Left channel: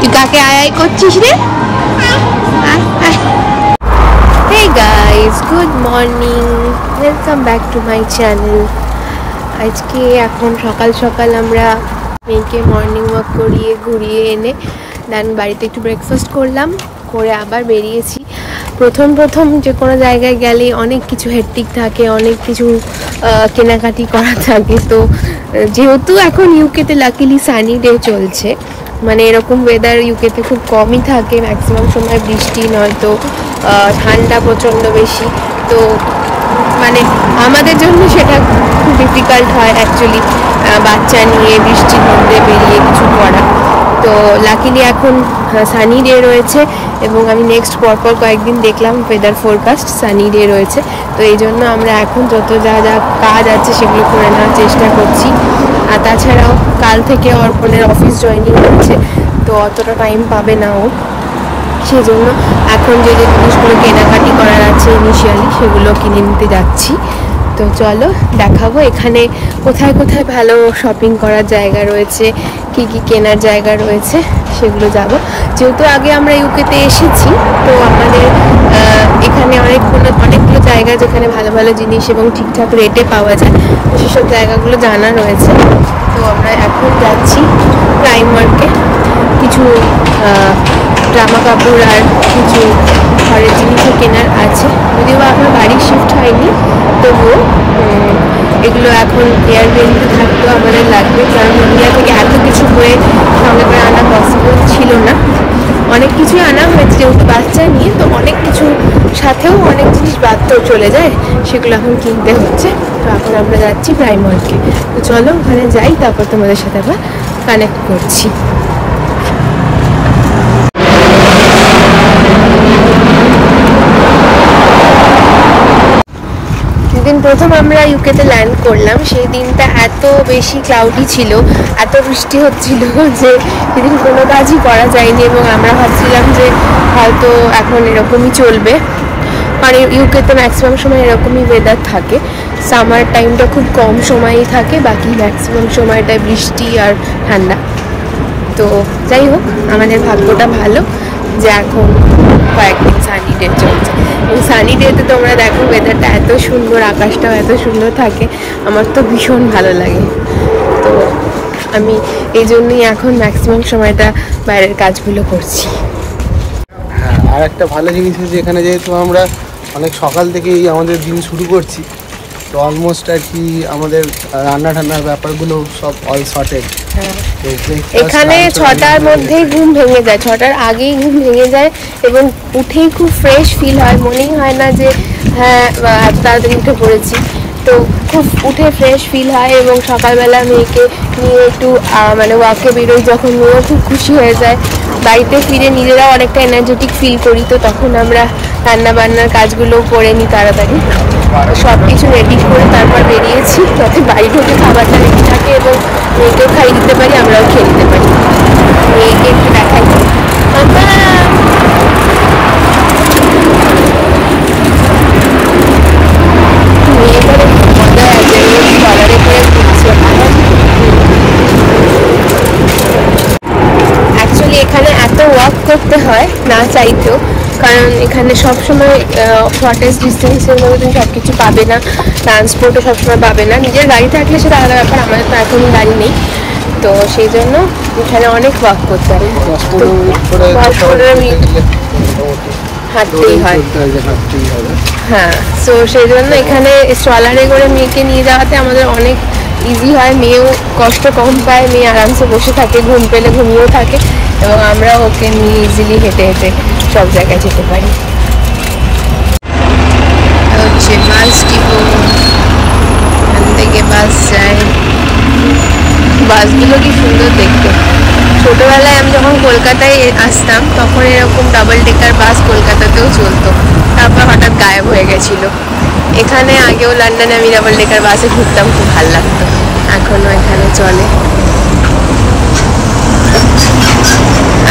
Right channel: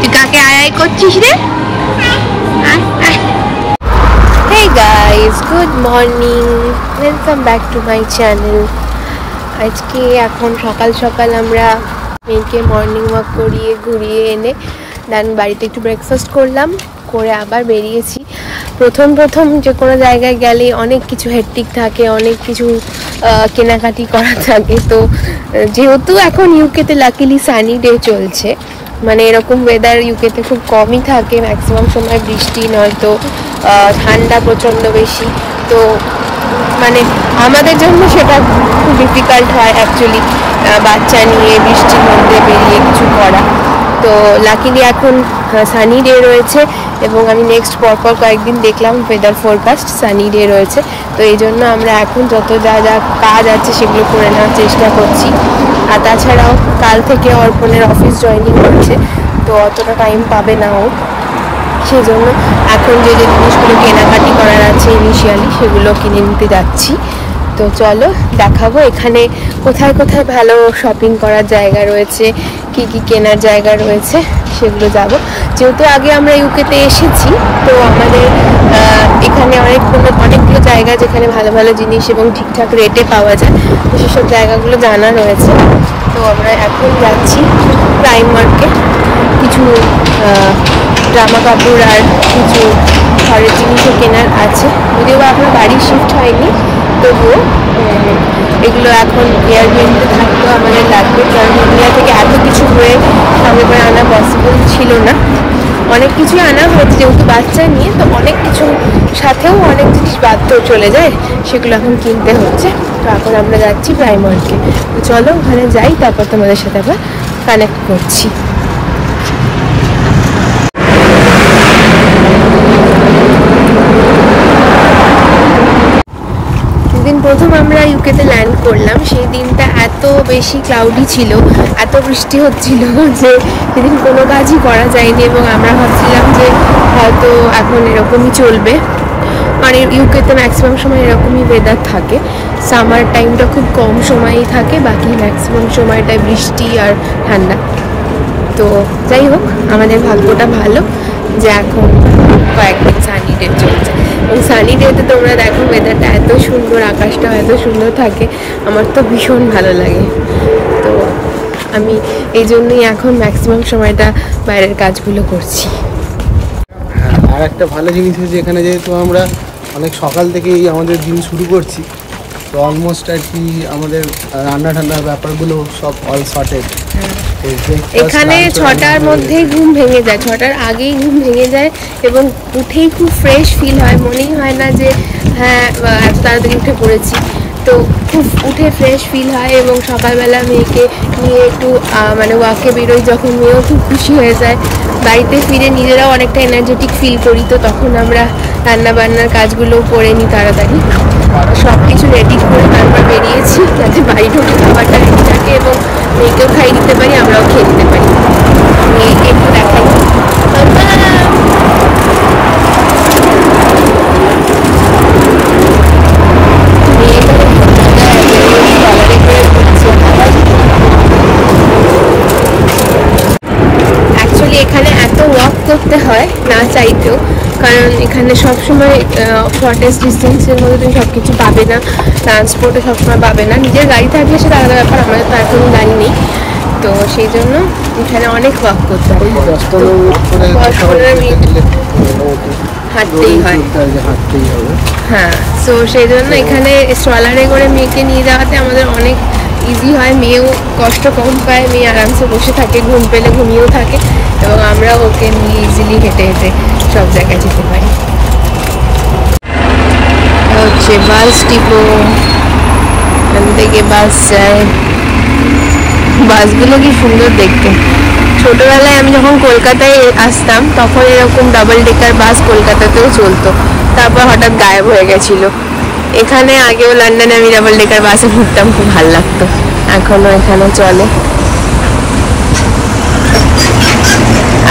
তুই কাকে আয় করছিস রে? Hey guys, good morning, welcome back to my channel. আজকে এখন সকাল সকাল আমরা মেয়েকে মর্নিং ওয়াক করিয়ে ঘুরিয়ে এনে দেন বাড়িতে একটু ব্রেকফাস্ট করলাম, করে আবার বেরিয়েছি। প্রথম যে কোনো জায়গায় গেলে অনেক কিছু হেক্টিক থাকে, অনেক কিছু কেনাকাটি করা থাকে। তো যেহেতু এখন ইউকেতে লাকিলি সানি ডে চলছে, মানে এরকম ওয়েদার ইউকেতে খুব কমই থাকে, ম্যাক্সিমাম সময় বৃষ্টি নয়তো ঠান্ডা প্রচণ্ড বেশি। তো মানে আমাদের জন্য সেটা খুব ডিফিকাল্ট হয় অ্যাকচুয়ালি, বাচ্চা নিয়ে বৃষ্টির মধ্যে বেরিয়ে কিছু করা। তো লাকিলি এখন সানি ডে রয়েছে এবং আমি নেক্সট পরপর কয়েকদিন দেখলাম ওয়েদার ফোরকাস্ট সানি ডে রয়েছে। তো এই জন্য আমরা এখন যত যা কাজ আছে সেগুলো করে নেওয়ার চেষ্টা করছি। আর তাছাড়াও কাল থেকে অর্পণের অফিস জয়েনিং হচ্ছে, তো অতটা টাইম পাবে না ও, সেই জন্য এখন যে জিনিসগুলো কেনাকাটি করার আছে ইনিশিয়ালি সেগুলো কিনে নিতে যাচ্ছি। তো চলো দেখাবো এখানে কোথায় কোথায় ভালো শপিং করার জায়গা রয়েছে, কি কি কেনার জায়গা রয়েছে সেগুলো যাব। যেহেতু আগে আমরা ইউকেতে এসেছি, তো আমাদের এখানে অনেকগুলো জায়গা যেখানে ভালো ভালো জিনিস এবং ঠিকঠাক রেটে পাওয়া যায়, তো সেসব জায়গাগুলো জানা রয়েছে। তো আমরা এখন যাচ্ছি প্রাইমার্কে, কিছু জামা কাপড় আর কিছু ঘরের জিনিসও কেনার আছে। যদিও এখনো বাড়ি শিফট হয়নি, তবুও এগুলো এখন এয়ারবিএনবিতে থাকতেও আমাদের লাগবে, কারণ ইন্ডিয়া থেকে এত কিছু বয়ে সঙ্গে করে আনা পসিবল ছিল না। অনেক কিছুই আনা হয়েছে যেহেতু বাচ্চা নিয়ে, তো অনেক কিছু সাথেও অনেক জিনিস বাদতেও চলে যায়, সেগুলো এখন কিনতে হচ্ছে। তো এখন আমরা যাচ্ছি প্রাইমার্কে। তো চলো ওখানে যাই, তারপর তোমাদের সাথে আবার কানেক্ট করছি। যেদিন প্রথম আমরা ইউকেতে ল্যান্ড করলাম সেই দিনটা এত বেশি ক্লাউডি ছিল, এত বৃষ্টি হচ্ছিল যে সেদিন কোনো কাজই করা যায়নি এবং আমরা ভাবছিলাম যে হয়তো এখন এরকমই চলবে। মানে ইউকেতে ম্যাক্সিমাম সময় এরকমই ওয়েদার থাকে, সামার টাইমটা খুব কম সময়ই থাকে, বাকি ম্যাক্সিমাম সময়টায় বৃষ্টি আর ঠান্ডা। তো যাই হোক, আমাদের ভাগ্যটা ভালো যে এখন কয়েকদিন সানি ডে চলছে। এবং সানি ডেতে তোমরা দেখো ওয়েদারটা এত সুন্দর, আকাশটাও এত সুন্দর থাকে, আমার তো ভীষণ ভালো লাগে। তো আমি এই জন্যই এখন ম্যাক্সিমাম সময়টা বাইরের কাজগুলো করছি। হ্যাঁ, আর একটা ভালো জিনিস হচ্ছে এখানে যেহেতু আমরা অনেক সকাল থেকেই আমাদের দিন শুরু করছি, তো অলমোস্ট আর কি আমাদের রান্না ঠান্নার ব্যাপারগুলো সব অল সর্টেড। এখানে 6টার মধ্যেই ঘুম ভেঙে যায়, 6টার আগেই ঘুম ভেঙে যায় এবং উঠেই খুব ফ্রেশ ফিল হয়, মনেই হয় না যে হ্যাঁ এত তাড়াতাড়ি উঠে পড়েছি। তো খুব উঠে ফ্রেশ ফিল হয় এবং সকালবেলা মেয়েকে নিয়ে একটু মানে ওয়াকে বেরোই যখন, মেয়েও খুব খুশি হয়ে যায়। বাড়িতে ফিরে নিজেরাও অনেকটা এনার্জেটিক ফিল করি, তো তখন আমরা রান্না বান্নার কাজগুলোও করে নিই তাড়াতাড়ি। সব কিছু রেডি করে তারপর বেরিয়েছি, যাতে বাড়ি ঢুকে খাবারটা রেডি থাকে এবং মেয়েকেও খাইয়ে দিতে পারি, আমরাও খেয়ে দিতে পারি। মেয়েকে অ্যাকচুয়ালি এখানে এত ওয়াক করতে হয় না চাইতেও, কারণ এখানে সবসময় শর্টেজ ডিস্টেন্সের মধ্যে তুমি সব কিছু পাবে না, ট্রান্সপোর্টও সবসময় পাবে না। নিজের গাড়ি থাকলে সেটা আলাদা ব্যাপার, আমাদের তো এখন গাড়ি নেই, তো সেই জন্য এখানে অনেক ওয়াক করতে হয়, হাঁটতেই হয়। হ্যাঁ, তো সেই জন্য এখানে স্ট্রলারে করে মেয়েকে নিয়ে যাওয়াতে আমাদের অনেক ইজি হয়, মেয়েও কষ্ট কম পায়, মেয়ে আরামসে বসে থাকে, ঘুম পেলে ঘুমিয়েও থাকে এবং আমরা ওকে নিয়ে ইজিলি হেঁটে হেঁটে সব জায়গায় যেতে পারি। এটা হচ্ছে বাস ডিপো, এখান থেকে বাস যায়। বাসগুলো কি সুন্দর দেখতে। ছোটবেলায় আমি যখন কলকাতায় আসতাম তখন এরকম ডাবল ডেকার বাস কলকাতাতেও চলতো, তারপর হঠাৎ গায়েব হয়ে গেছিলো। এখানে আগেও লন্ডনে আমি ডাবল ডেকার বাসে ঘুরতাম, খুব ভালো লাগতো, এখনো এখানে চলে।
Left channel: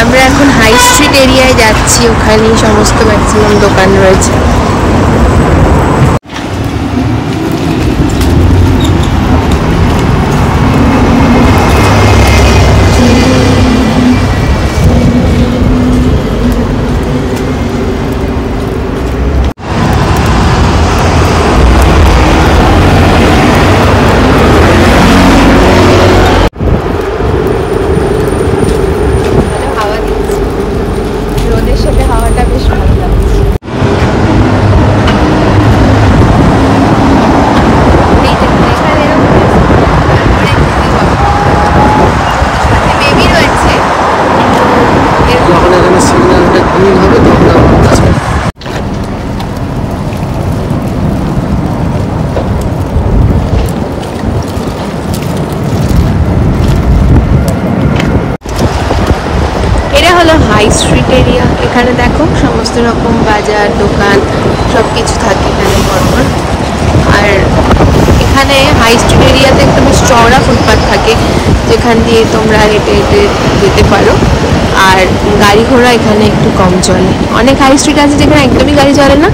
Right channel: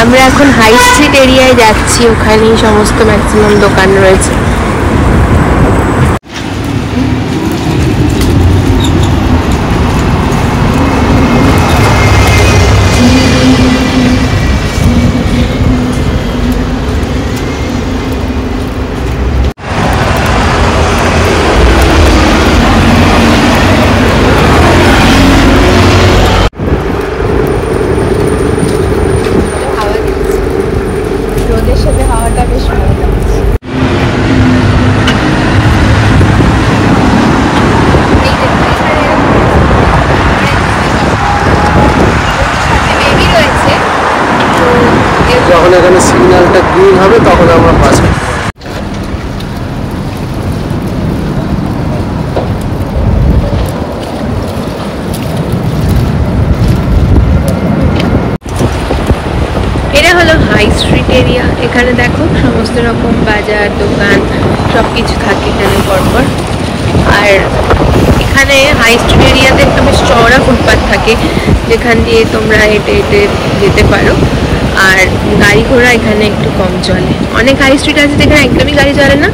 আমরা এখন হাই স্ট্রিট এরিয়ায় যাচ্ছি, ওখানেই সমস্ত ম্যাক্সিমাম দোকান রয়েছে। সিগন্যালটা গ্রিন হবে তখন আমরা পাস করতে পারবো। এটা হলো হাই স্ট্রিট এরিয়া। এখানে দেখো সমস্ত রকম বাজার দোকান সব কিছু থাকে এখানে পরপর। আর এখানে হাই স্ট্রিট এরিয়াতে একটা বেশ চওড়া ফুটপাথ থাকে যেখান দিয়ে তোমরা হেঁটে হেঁটে যেতে পারো। আর গাড়ি ঘোড়া এখানে একটু কম চলে। অনেক হাই স্ট্রিট আছে যেখানে একদমই গাড়ি চলে না,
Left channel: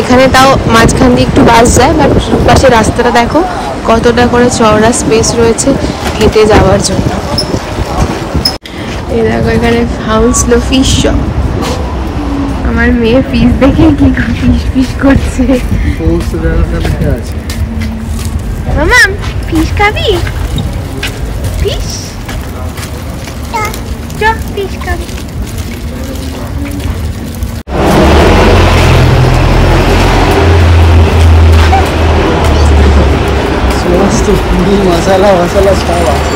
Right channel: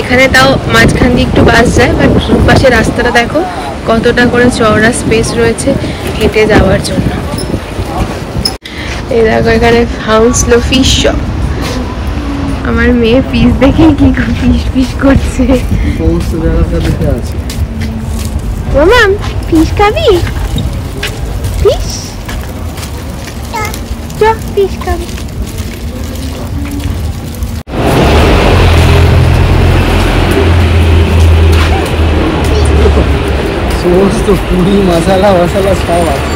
এখানে তাও মাঝখান দিয়ে একটু বাস যায়। বাট পাশে রাস্তাটা দেখো কতটা করে চওড়া স্পেস রয়েছে হেঁটে যাওয়ার জন্য। এই দেখো এখানে হাউসলো ফিশ শপ। আমার মেয়ে ফিশ দেখে কি ফিশ ফিশ করছে। মামাম ফিশ খাবি? ফিশ ফিশ খাবি? সমস্ত পুরি মশলা মশলা সব আছে।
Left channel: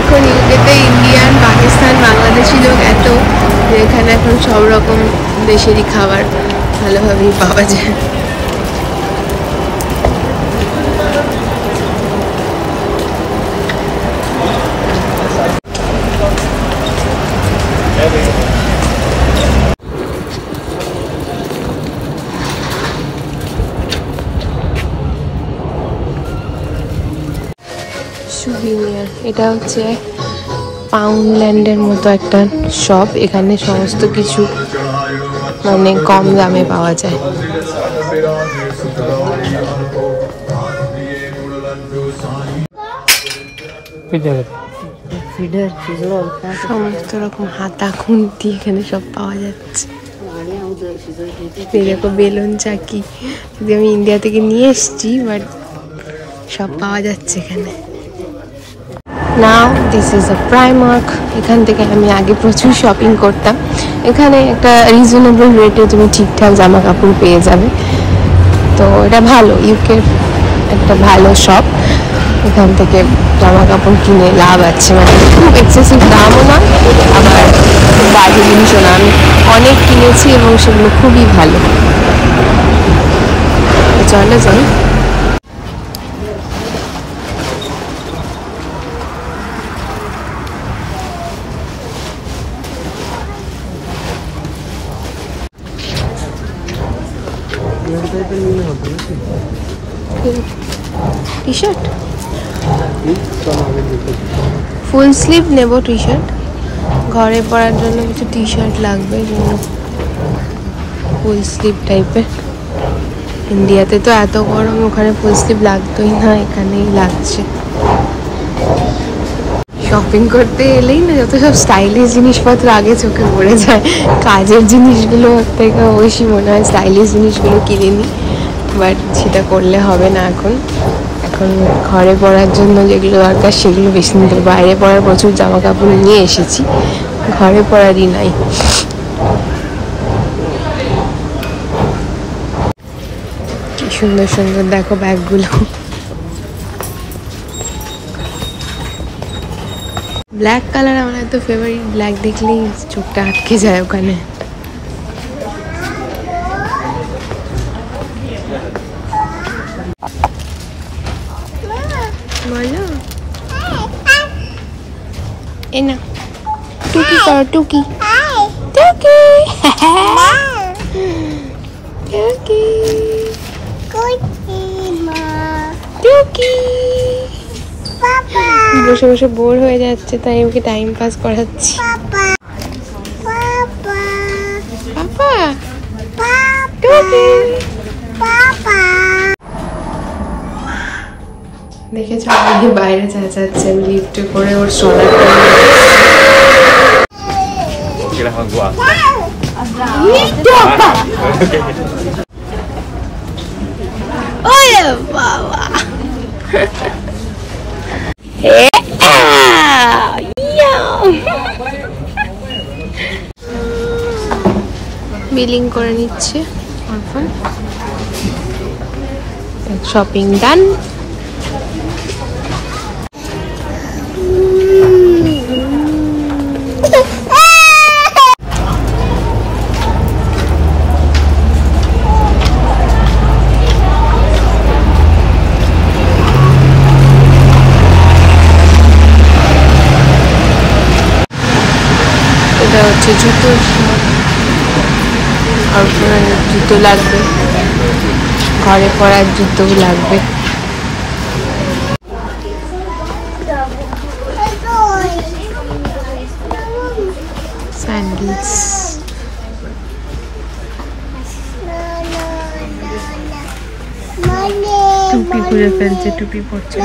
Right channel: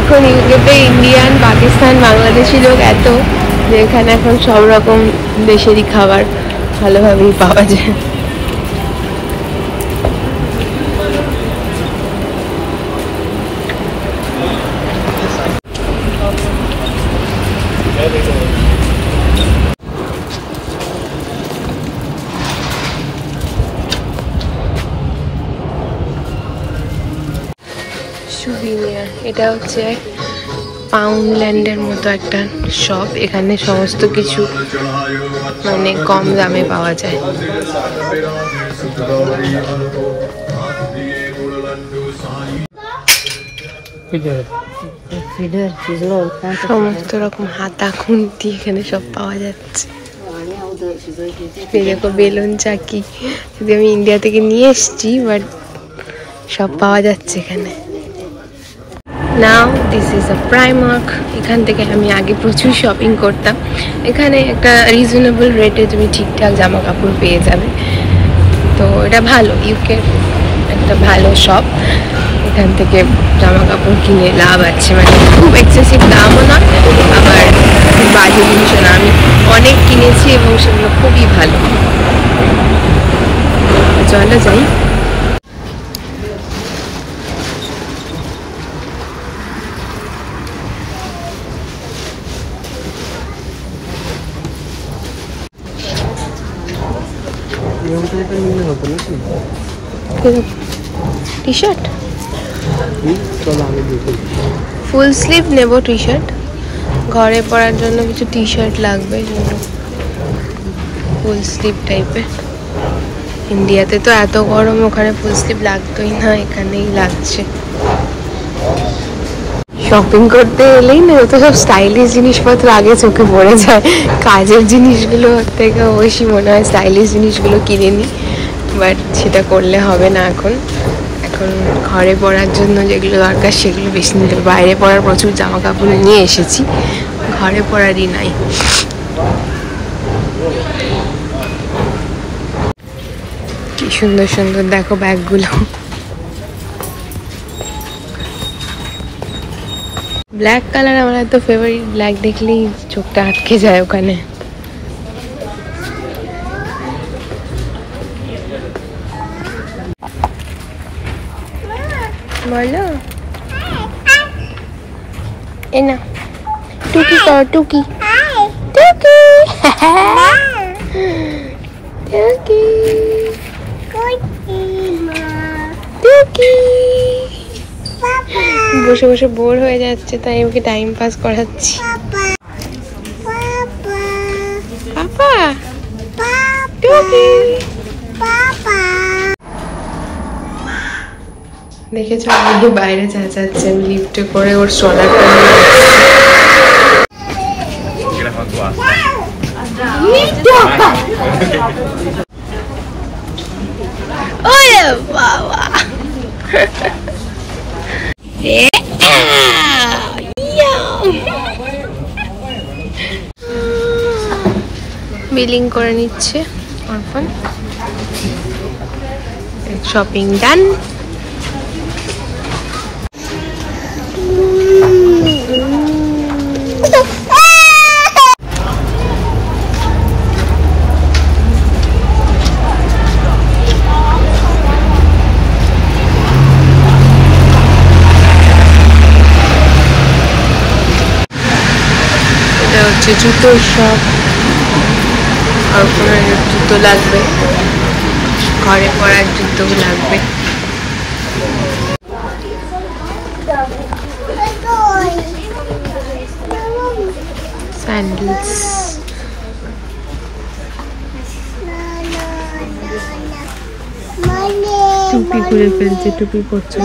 এখন ইউকেতে ইন্ডিয়ান, পাকিস্তান, বাংলাদেশি লোক এত যে এখানে এখন সব রকম দেশেরই খাবার ভালোভাবেই পাওয়া যায়। সুভিনিয়ার, এটা হচ্ছে পাউন্ডল্যান্ডের মতো একটা শপ। এখানে সমস্ত কিছু মানে কম দামে পাওয়া যায়। সমস্ত রকম হাতা খুন্তি এখানে সব পাওয়া যাচ্ছে। দেখো বেলুন চাকি, যদি আমি ইন্ডিয়া থেকে নিয়ে এসেছি, বাট সব পাওয়া যাচ্ছে এখানে। নাও দিস ইজ আ প্রাইমার্ক। এখান থেকে আমি আগে প্রচুর শপিং করতাম। এখানে একটা রিজনেবল রেটে তুমি ঠিকঠাক জামা কাপড় পেয়ে যাবে। তো এটা ভালো, ইউকের একটা ভালো শপ। এখান থেকে জামা কাপড় কিনে লাভ আছে, মানে খুব এক্সেসিভ দামও নয়, আবার খুব বাজে জিনিসও না। আমি অনেক কিনেছি এবং সেগুলো খুবই ভালো। চলো যাই। টি শার্ট ফুল স্লিভ নেব, টি শার্ট ঘরে পরার জন্য কিছু টি শার্ট লাগবে, জন্য ফুল স্লিভ টাইপের। ইন্ডিয়াতে তো এত গরম, ওখানে ফুল স্লিভ লাগতোই না, এখানেই লাগছে। শপিং করতে এলেই না যত সব স্টাইলিশ জিনিসপত্র আগে চোখে পড়ে যায়। কাজের জিনিসগুলো থেকে অবশ্যই মনে হয় স্টাইলিশ জিনিসগুলো কিনে নিই, বাট সেটা করলে হবে না এখন। এখন ঘরে পরার জন্য যেগুলো দরকার সেগুলো বেশি নিতে। বাইরে পরার প্রচুর জামা কাপড় নিয়ে এসেছি, ঘরে পরারই নাই। কি সুন্দর সুন্দর দেখো ব্যাগগুলো। ব্ল্যাক কালার আমার এত ফেভারিট, ব্ল্যাক দেখলেই চোখটা আটকে যায় ওখানে। বলো এ না টুকি করো, টুকি টুকি টুকি টুকি। বসে বসে বোর হয়ে যাচ্ছে, তাই ওকে টাইম পাস করাচ্ছি। পাপা টুকি দেখেছো আমাদের বাইরে চেঁচাচ্ছে, লিফটে করে ওর সোলারটা বাবা। বিলিং করে নিচ্ছে অর্পণ। শপিং ডান। হচ্ছে জুতোর শপ। আর কোনো জুতো লাগবে, ঘরে পরার জুতো লাগবে। স্যান্ডেলস, টুপি খুলে ফেলছে, টুপি পরছে।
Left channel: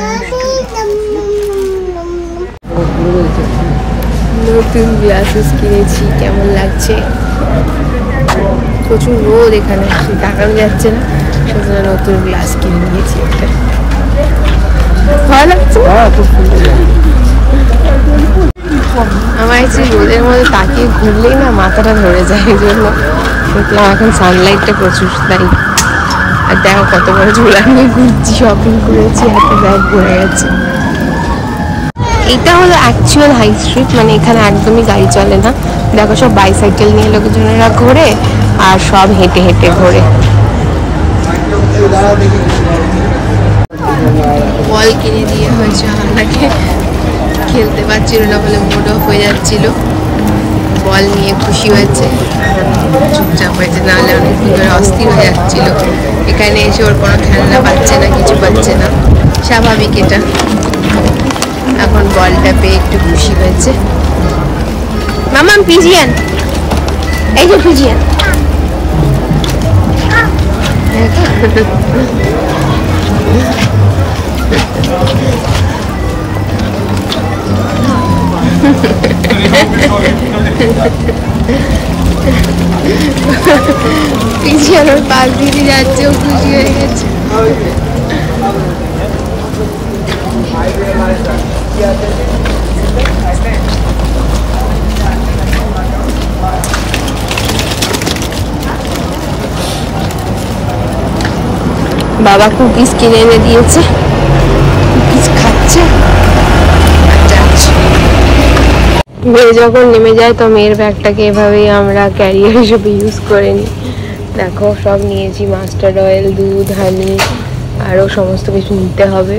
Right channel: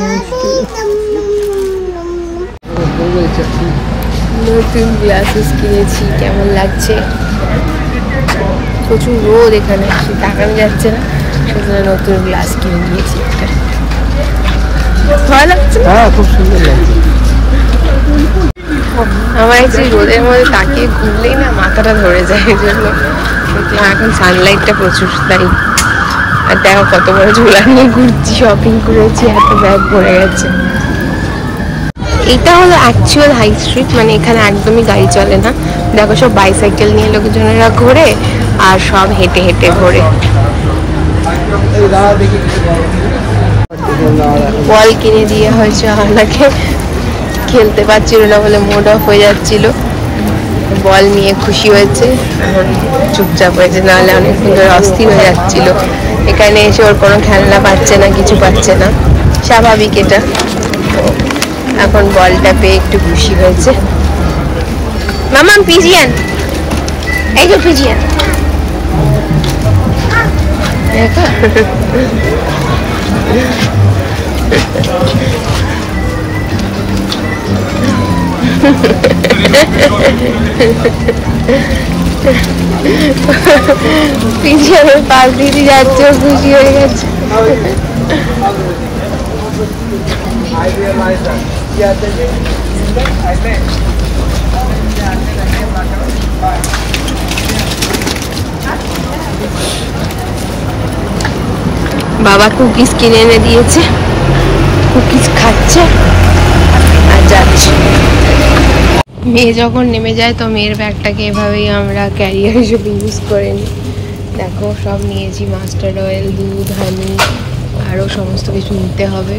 নতুন গ্লাসেস কিনেছি, কেমন লাগছে? প্রচুর রোদ এখানে, তাকানো যাচ্ছে না, সেজন্য নতুন গ্লাস কিনে নিয়েছি। ভালো লাগছে, খুব সুন্দর। আমার একটু রোদের মধ্যে তাকিয়ে ঘুরলেই না মাথাটা ধরে যায়, এই জন্য দেখলাম এখন সানলাইটটা প্রচুর তাই। আর দেখো কত বড় ঝোলা নিয়ে ঘুরছি, শপিং করেছি, এত ব্যাগ ভরে গেছে। এটা হলো অ্যাকচুয়াল হাই স্ট্রিট, মানে এখানে একদমই গাড়ি চলে না। দেখো সব বাইসাইকেল নিয়ে লোকজনেরা ঘোরে আর সব হেঁটে হেঁটে ঘোরে। বল কিনে দিয়ে হয়েছে আমাকে, খেলতে পারছিল না বলে মুড অফ হয়ে যাচ্ছিল। বল নিয়ে খুশি হয়েছে, এখন চুপচাপ হয়েছে, নাহলে অনেকক্ষণ ধরে অস্থির হয়ে যাচ্ছিল। এখানে এসে ওর কোনো খেলনা পাচ্ছে না, কিছু পাচ্ছে না, স্বাভাবিক এটা। তো এখন বলটা পেয়ে একটু খুশি হয়েছে। মামাম পিজিয়ান, এই যে পিজিয়ান, পিজিয়ানের পাশ দিয়ে যাচ্ছে, ও খুশি হয়ে গেছে। বাবা কুকিজ কিনে এনে দিয়েছে, কুকিজ খাচ্ছে আর যাচ্ছে। মেয়ে যখন নেমে যায় তো মেয়ের ব্যাগটাকে এভাবেই আমরা ক্যারিয়ার হিসেবে ইউজ করে নিই। দেখো সব নিয়েছি, মাস্টার্ড অয়েল, দুধ, হানি, আরও সমস্ত কিছু নিতে হবে।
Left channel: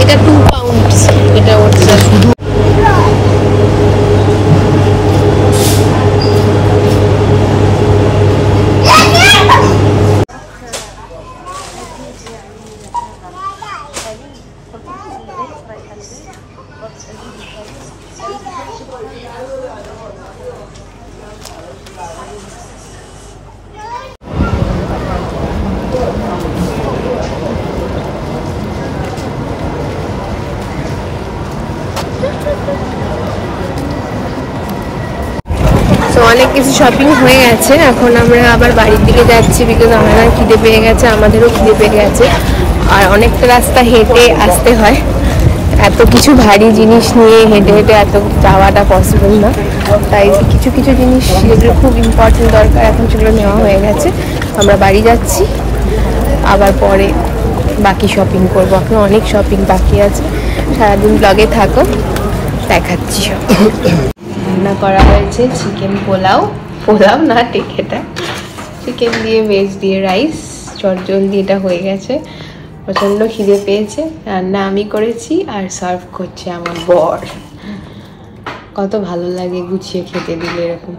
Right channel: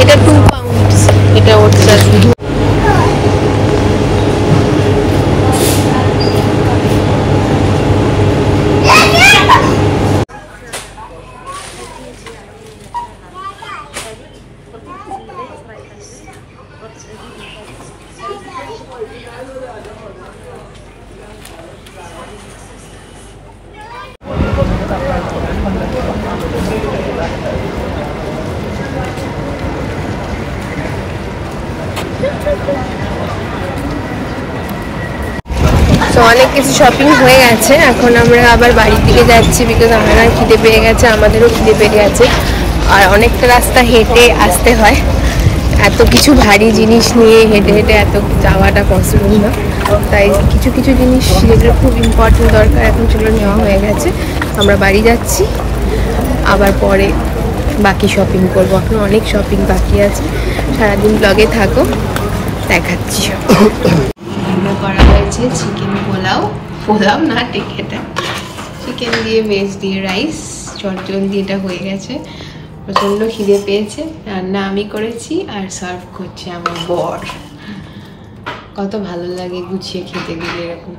এটা 2 পাউন্ডস, এটা ওটা তো অনেক কিছু শপিং হয়ে গেছে। এখন আমরা আবার বাড়ির দিকে যাচ্ছি, বিকজ আমার খিদে পেয়ে গেছে, আমাদেরও খিদে পেয়ে গেছে। আর অনেকটা রাস্তা হেঁটে আসতে হয়, এত কিছু ভারী জিনিস নিয়ে হেঁটে হেঁটে এত যাওয়াটা পসিবল না। তাই কিছু কিছু জিনিস যেগুলো খুব ইম্পর্টেন্ট দরকার, এখন সেগুলো নেওয়া হয়ে গেছে। আমরা বাড়ি যাচ্ছি, আবার পরে বাকি শপিং করবো। এখন অনেক শপিং বাকি আছে, সারাদিন ব্লগে থাকো, দেখাচ্ছি সব। রান্না করা হয়েছে চিকেন পোলাও, পোলাও না টেকেটা, চিকেন দিয়ে ভেজ দিয়ে রাইস, চটজলদি এটা হয়ে গেছে। প্রচণ্ড খিদে পেয়েছে, রান্না আমি করেছি আর সার্ভ করছে আমার বর। কত ভালো লাগে গুছিয়ে খেতে দিলে, এরকম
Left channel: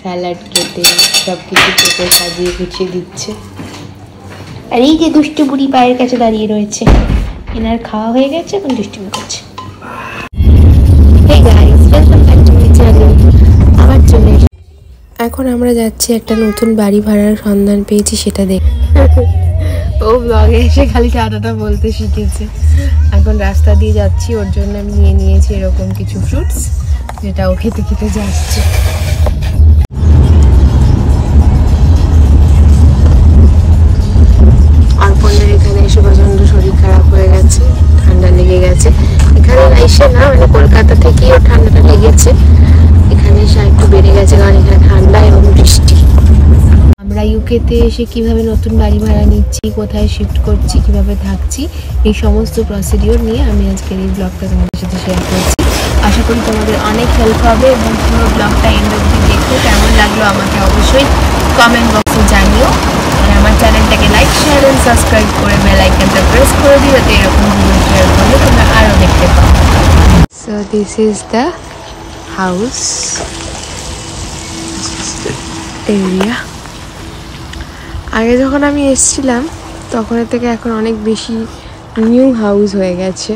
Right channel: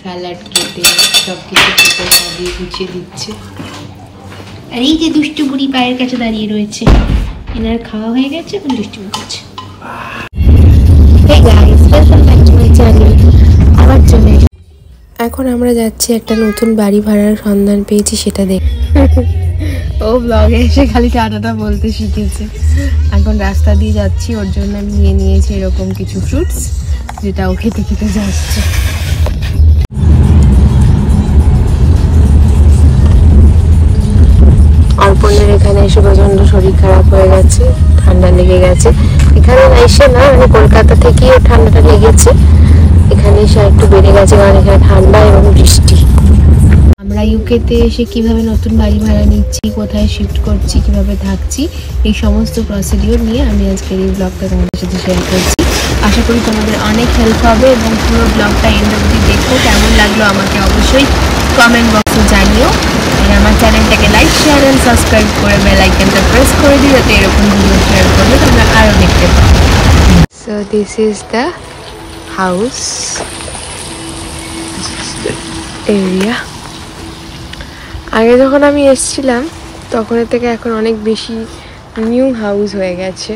স্যালাড কেটে সব কিছু কেটে সাজিয়ে গুছিয়ে দিচ্ছে। আর এই যে দুষ্টু বুড়ি পায়ের কাছে দাঁড়িয়ে রয়েছে, এনার খাওয়া হয়ে গেছে, এখন দুষ্টুমি করছে। এখন আমরা যাচ্ছি, একটা নতুন বাড়ি ভাড়ার সন্ধান পেয়েছি, সেটা দেখ। ও ব্লগে এসে খালি টাটাটা বলতে শিখেছে। এখন রাস্তা দিয়ে যাচ্ছি, ওর জন্য আমি নিয়ে নিয়েছি এরকম কিছু ফ্রুটস, যেটা ও খেতে খেতে যাচ্ছে। অর্পণের এখানে এসে প্রচন্ড শরীর খারাপ হয়ে গেছে, ঠান্ডা লেগে গেছে। এখানে এসে না, মানে কলকাতা থেকেই ওর ঠান্ডাটা লেগেছে, এখানে এসে একটু বেড়ে গেছে, কারণ এখানে ঠান্ডা এবং বৃষ্টি। আমরা ইউকেতে এসে কিভাবে নতুন বাড়ি ভাড়া নিচ্ছি, কোথায় শিফট করছি, কিভাবে থাকছি, এই সমস্ত প্রসিডিওর নিয়ে আমি আজকের এই ব্লগটা তোমাদের সাথে শেয়ার করছি। আশা করি তোমাদের অনেক হেল্প হবে এবং পুরো ব্লগটা এন্ড অবধি দেখো। কেমন লাগলো আমাকে অবশ্যই কমেন্ট বক্সে জানিও। আর আমার চ্যানেলটাকে লাইক শেয়ার এন্ড সাবস্ক্রাইব করে বেল আইকনটা প্রেস করে দিও, যাতে এরকম ভিডিও শেয়ার করলে তোমরা আরও দেখতে পাও। So this is the house area. আগে যখন আমি এসেছিলাম তখন থেকে এখন অনেক বেশি নিউ হাউস হয়ে গেছে।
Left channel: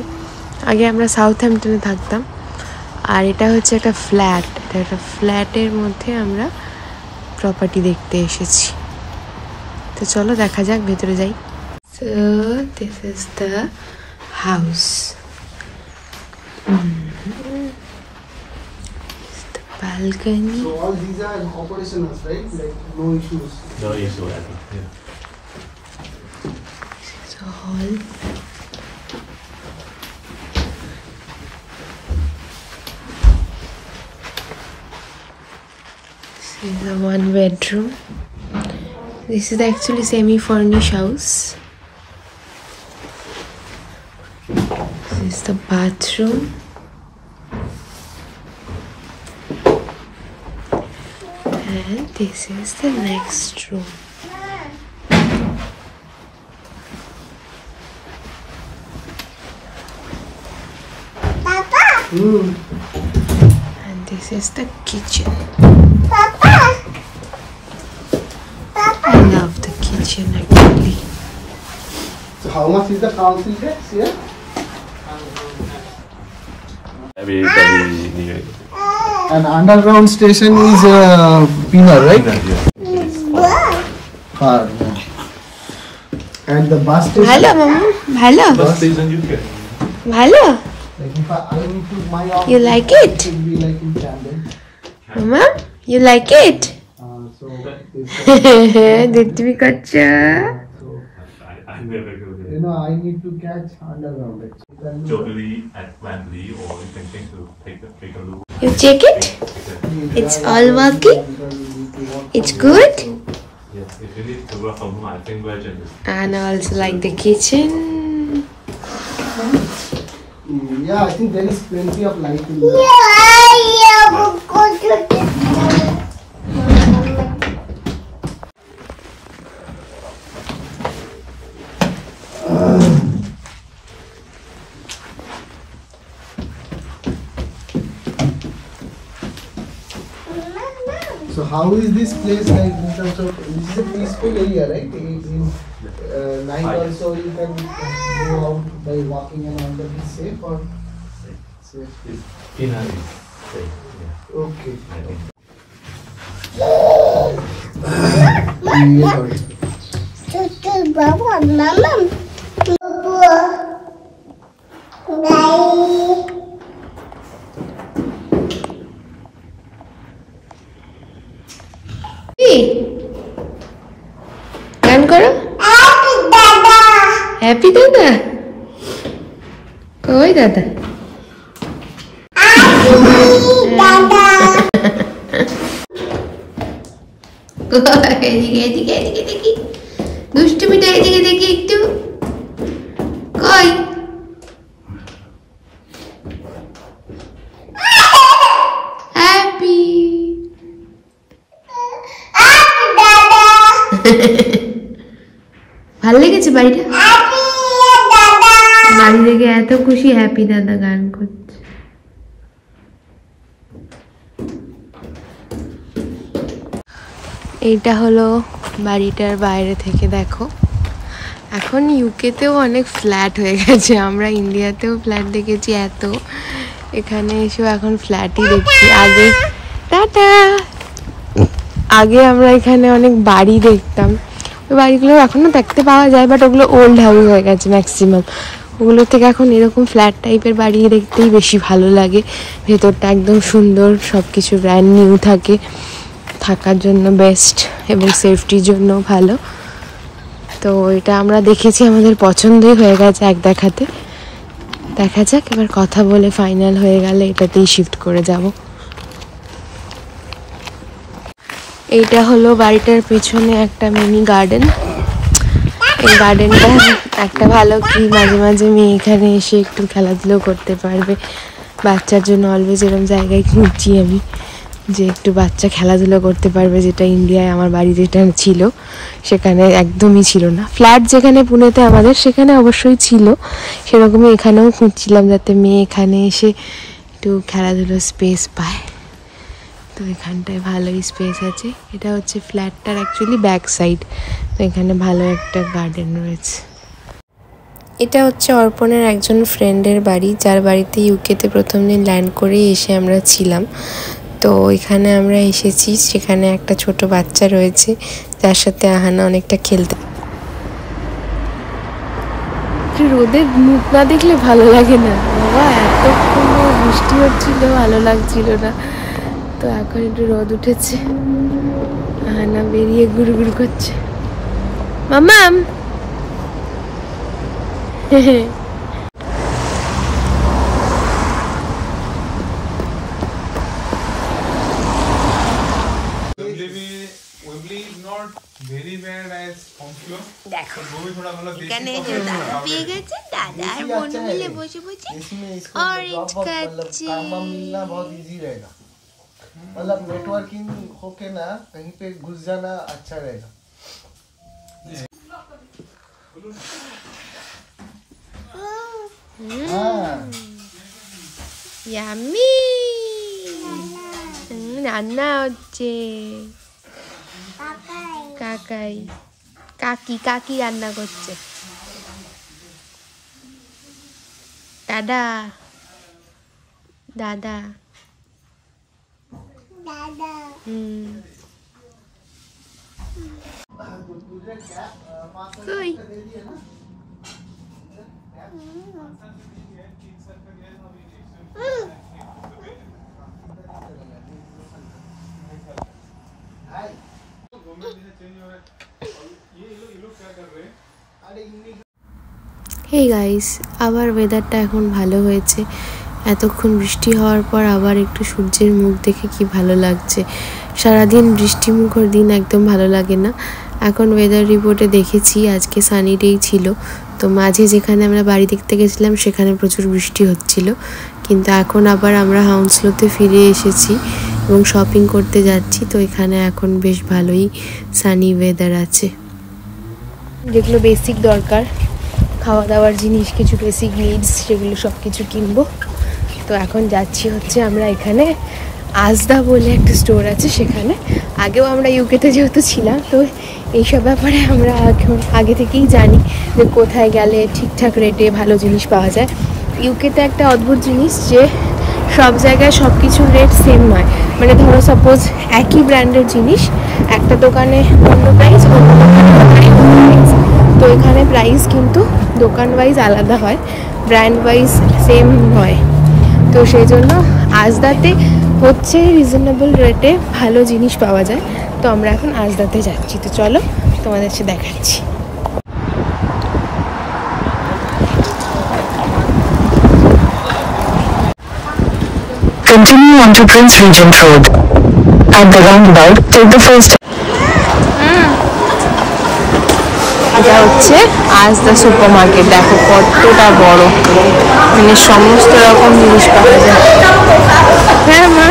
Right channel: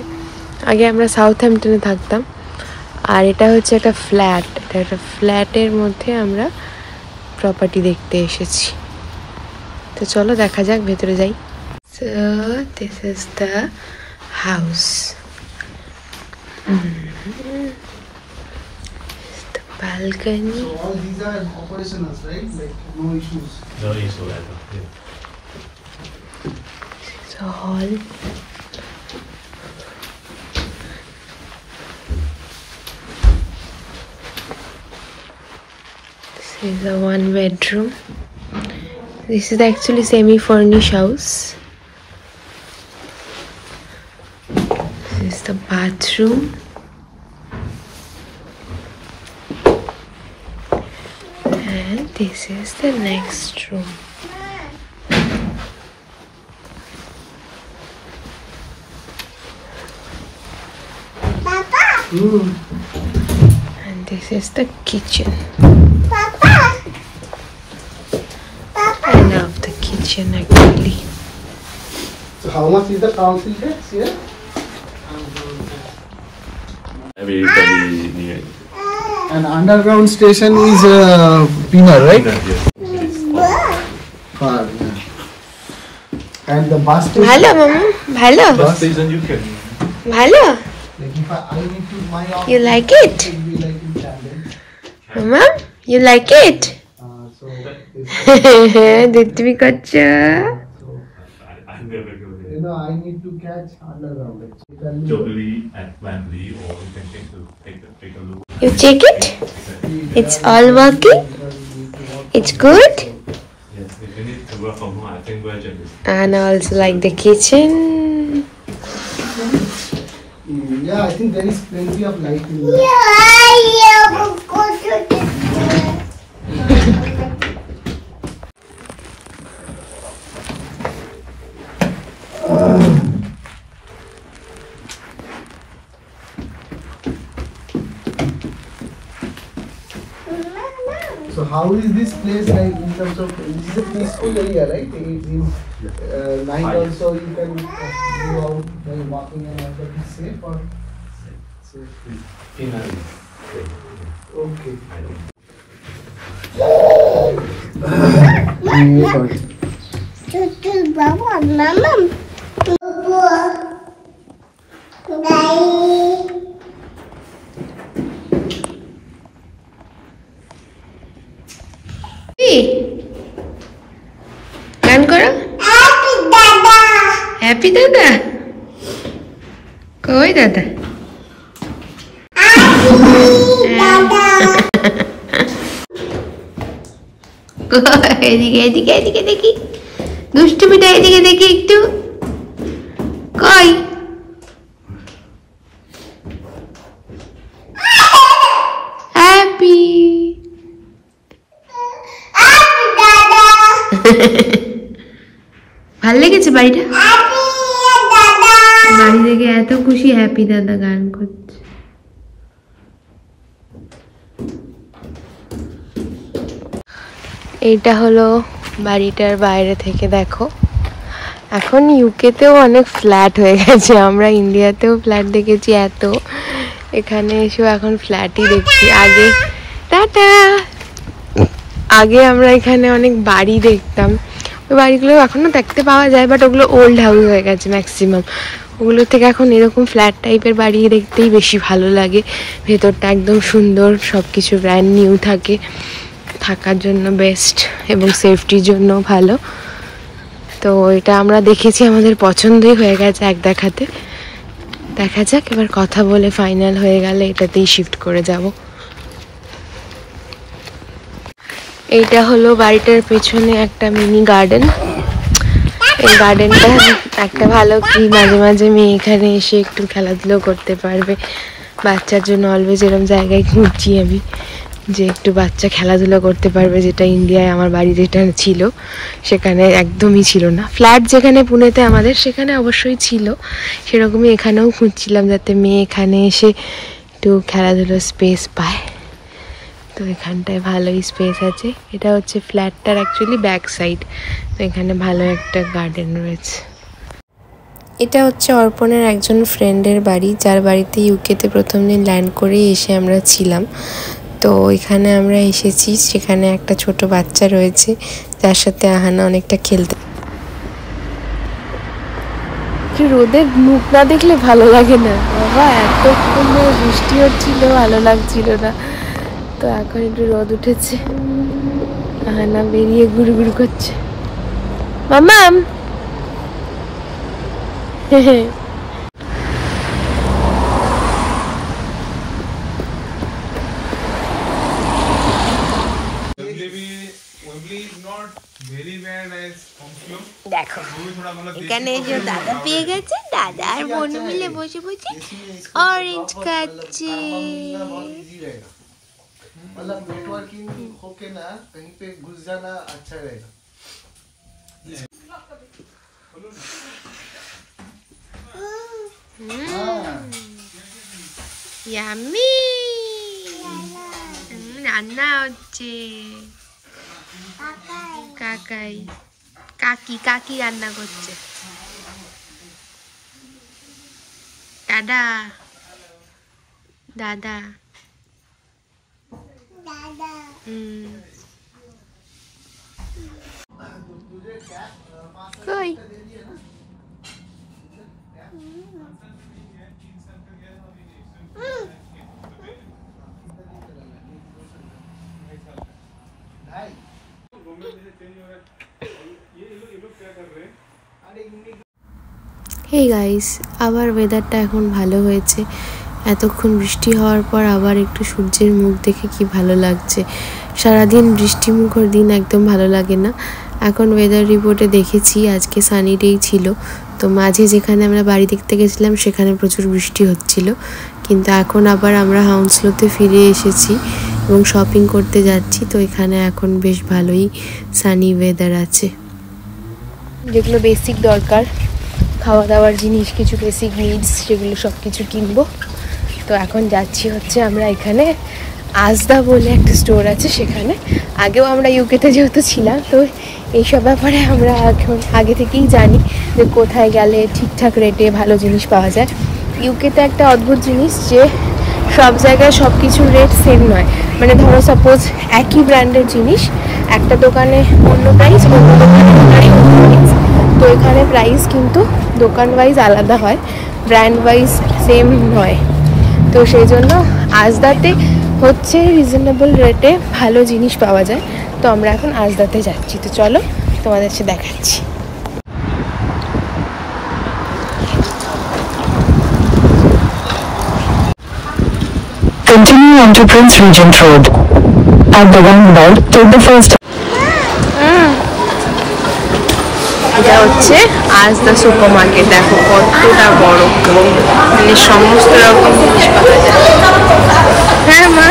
আগে আমরা সাউথহ্যাম্পটনে থাকতাম, আর এটা হচ্ছে একটা ফ্ল্যাট। এটা একটা ফ্ল্যাটের মধ্যে আমরা প্রপার্টি দেখতে এসেছি। তো চলো দেখা যাক, ভেতরে যাই। So this is the house, balcony. So all these are operational, right? Like no issues. No issue. Yeah. This is a hall. This is a one bedroom. This is actually semi-furnished house. This is the bathroom. And this is the next room. Papa. And this is the kitchen. Papa. I love the kitchen actually. So how much is the council tax here? Very near. An underground station is Pina, right? Far. And the bus station. Hello, mama. Hello. Bus station you can. Hello. Like if I need to my office, You like it? it will be like in Camden. Mama, you like it? So this, Didvi kacha. I never go you there. know, I need to catch underground. Actually. Joggery and Wembley, or you can take a look. You check it? It's all working? It's good? Yes, if you need to work from home, I think we're just. And I also like the kitchen. Yeah, I think there is plenty of light in there. So how is this place like in terms of, this is a peaceful area, right? Night also you can go out by walking and all that. Is safe or safe? Inner is safe. Yeah. Okay. Mama. Bye. গান করো। Happy দাদা। কই দাদা? এদিকে এদিকে এদিকে দেখি, দুষ্টুমিটা এদিকে দেখি একটু। কই? হ্যাপি। ভাল লেগেছে বাড়িটা? বাড়ি থেকে এত খুশি, হ্যাপি দাদা গান করছে। এইটা হলো বাড়িটার বাইরে থেকে দেখো। এখন ইউকেতেও অনেক ফ্ল্যাট হয়ে গেছে, আমরা ইন্ডিয়াতেও ফ্ল্যাট দেখেছি এত, এখানে এসেও এখন ফ্ল্যাটই দেখছি। আগে টাটা, আগে আমরা এখানে অনেক বাড়ি দেখতাম, ওই বাড়িগুলো এখনও দেখতে পাওয়া যায়, বাট ওগুলো ওল্ড হাউস হয়ে গেছে ম্যাক্সিমাম। ওগুলো থেকে এখন এরকম ফ্ল্যাট টাইপের বাড়ি দেখতেই বেশি ভালো লাগে। ভেতরটা একদম সুন্দর, সব কিছু ব্র্যান্ড নিউ থাকে, থাকার জন্য বেস্ট এবং সেফটির জন্য ভালো। তো এটা আমরা দেখেছি, আমাদের পছন্দই হয়ে গেছে এক দেখাতে। দেখা যাক, এবার কথা বলে ফাইনাল হয়ে গেলে এটাতেই শিফট করে যাব। এইটা হলো বাড়িটার পেছনে একটা মিনি গার্ডেন। এই গার্ডেনটা একটা ভালো কি, মাঝে মাঝে মেয়ে এখানে এসে একটু খেলাধুলো করতে পারবে। বাচ্চার জন্য অলওয়েজ এরকম জায়গায় খুঁজছি আমি। যে একটু বাচ্চা খেলাধুলা করতে পারবে, যেটা ইন্ডিয়ায় আমার বাড়ি যেটা ছিল সেখানে একদমই ছিল না। ফ্ল্যাট যেখানে পুনেতে আমাদের সেখানে অবশ্যই ছিল, সেরকমই এখানেও খুঁজছিলাম যাতে মেয়ে এখানে এসে একটু খেলাধুলার স্পেস পায়। তো এখানটায় ভালোই স্পেস আছে। এটা হচ্ছে ফ্ল্যাটটার অ্যাকচুয়ালি ব্যাক সাইড, তো এখানে ভালো একটা গার্ডেন রয়েছে। এটা হচ্ছে অর্পণের একজন ফ্রেন্ডের বাড়ি, যার বাড়িতে ইউকেতে প্রথম দিন ল্যান্ড করে এসে আমরা ছিলাম। তো এখানে আমরা এসেছি, সেখানে একটা ছোট বাচ্চা রয়েছে যার সাথে আহানা অনেকটা খেলতে। রোদের মুখ না দেখলে ভালো লাগে না বাবা, এতক্ষণ ধরে বৃষ্টি হচ্ছিল, ভালো লাগছিল না। তো এখন একটু রোদ উঠেছে, আহানা বেরিয়ে ঘুরু ঘুরু করছে। মামাম দেখো এখানে এসে দাদা পেয়ে গেছে, দাদা আর বোন মিলে বসে বসে অরেঞ্জ খাচ্ছে। मतलब नेटवर्किंग होके ना कहीं पे घुस जाना अच्छा रहेगा। ইয়াম্মি রান্না হচ্ছে, কাকাই কাকি কাকি রান্না করছে। দাদা দাদা কই হে গাইস, আবার ওয়েদারটা এখন ভালো হয়েছে। এতক্ষণ বৃষ্টি হওয়ার পর আবার একটু সূর্যের মুখ দেখে কি ভালো লাগছে। সারাদিন বৃষ্টিমুখর দিন একদম ভালো লাগে না। এখন ওয়েদার রিপোর্টে দেখেছি আজকে সানি ডেই ছিল, তো মাঝে যেখানে আমরা বাড়ি দেখতে গেছিলাম সেখানে প্রচুর বৃষ্টি হচ্ছিল, কিন্তু এখন আবার আমরা হাউন্সলোতে ফিরে এসেছি এবং শপিং করতে যাচ্ছি। তো এখানে এখন বেশ ভালোই সানি ওয়েদার আছে। যেগুলো বেসিক দরকার, খাওয়া দাওয়ার জিনিস, কিছু বেসিক নিডস, সেগুলো সব কিছু কিনবো। তো এখন যাচ্ছি হচ্ছে আমরা এখানে আজদা বলে একটা স্টোর আছে সেখানে। আগেও আমরা ইউকেতে যেহেতু ছিলাম, তো এইসব ব্যাপারে আমরা এখন আগে থেকেই জানি যে কোথায় গেলে ঠিকঠাক রেটে ভালো জিনিস পাওয়া যায়। ইউকেতে একটা অদ্ভুত জিনিস যে সব জায়গায় সব কিছুর রেট সেম নয়। মানে ধরো সাপোজ একই ব্র্যান্ডের জিনিস একটা দোকানে অন্য প্রাইস, অন্য দোকানে অন্য প্রাইস। তো এখানে প্রাইস কিন্তু দোকান ওয়াইজ আলাদা হয়, ব্র্যান্ড ওয়াইজ সেম নয়। তো সেই জন্য আজদাতে হচ্ছে রিজনেবল রেটে ভালো জিনিস পাওয়া যায়। তো আমরা এখন আজদাতে যাচ্ছি, তো চলো তোমাদের সাথে দেখাচ্ছি। Continue into Prince Regent Road. At the roundabout, take the first. এটা হচ্ছে আজদা সুপার মার্কেট। দেখো কতটা বড়, মানে সমস্ত রকম জিনিস পাওয়া যায়। হ্যাঁ মা,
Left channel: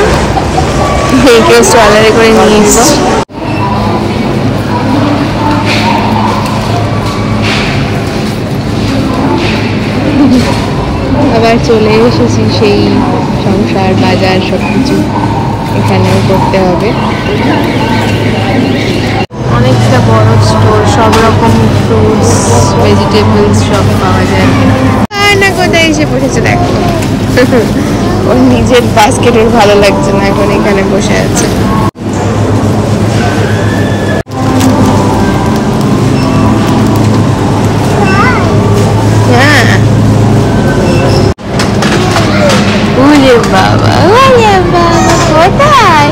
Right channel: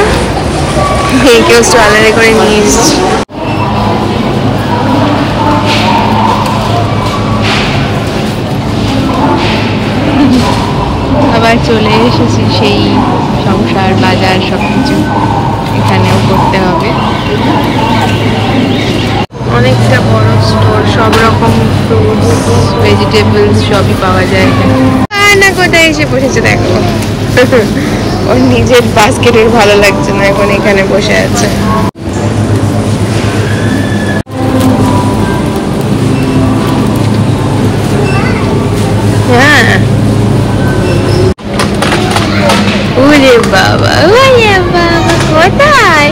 কেউ স্ট্রলারে করে নিয়ে এসছি। আবার চলে এসেছি সেই সংসার বাজার সবকিছু এখানেও করতে হবে। অনেকটা বড় স্টোর, সব রকম ফ্রুটস ভেজিটেবলস সবই পাওয়া যায়। না কোথায় এসে বসেছে দেখো, ওর নিজের বাস্কেটের ভালো লাগছে না, এখন এখানে বসে আছে। হ্যাঁ ওরে বাবা, ওরে বাবা, কোথায়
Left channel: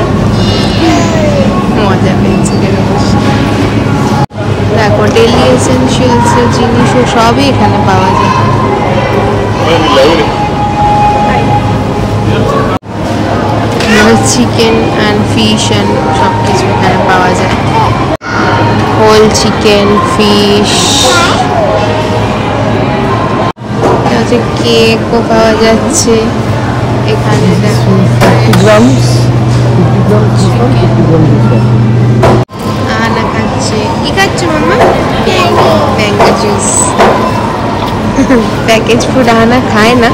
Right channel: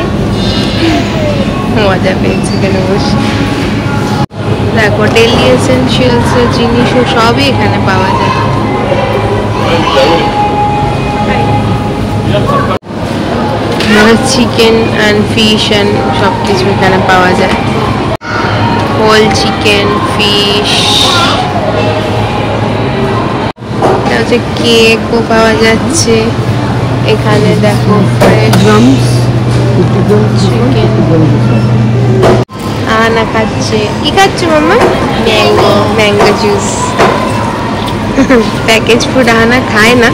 মজা পেয়েছে এখানে বসে। দেখো ডেলি এসেনশিয়ালস এর জিনিসও সবই এখানে পাওয়া যায়। চিকেন অ্যান্ড ফিশ অ্যান্ড সব কিছু এখানে পাওয়া যায়। হোল চিকেন, ফিশ, এটা হচ্ছে কেকও পাওয়া যাচ্ছে এখানে। দেখো ফ্রেশ আনা খাচ্ছে। কি খাচ্ছে মাম্মা? Mango juice. Package food Ahana খায় না,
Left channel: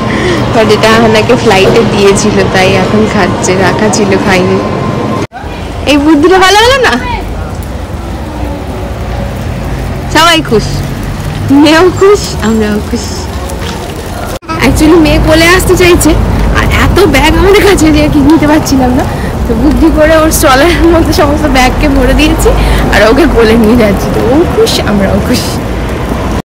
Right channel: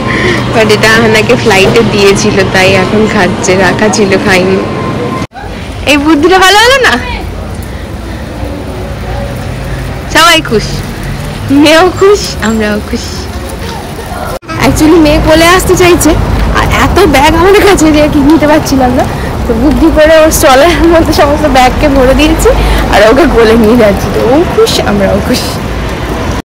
বাট এটা আহানাকে ফ্লাইটে দিয়েছিল তাই এখন খাচ্ছে, রাখা ছিল খাইনি। এই বুদ্ধিটা ভালো হলো না? সবাই খুশ, মেয়েও খুশ, আমরাও খুশ। অ্যাকচুয়ালি মেয়ে কোলে আসতে চাইছে, আর এত ব্যাগ আমাদের কাছে দিয়ে কি নিতে পারছিলাম না, তো বুদ্ধি করে ওর স্টলের মধ্যে সমস্ত ব্যাগকে ভরে দিয়েছি আর ওকে কোলে নিয়ে যাচ্ছি। তো ও খুশ, আমরাও খুশ।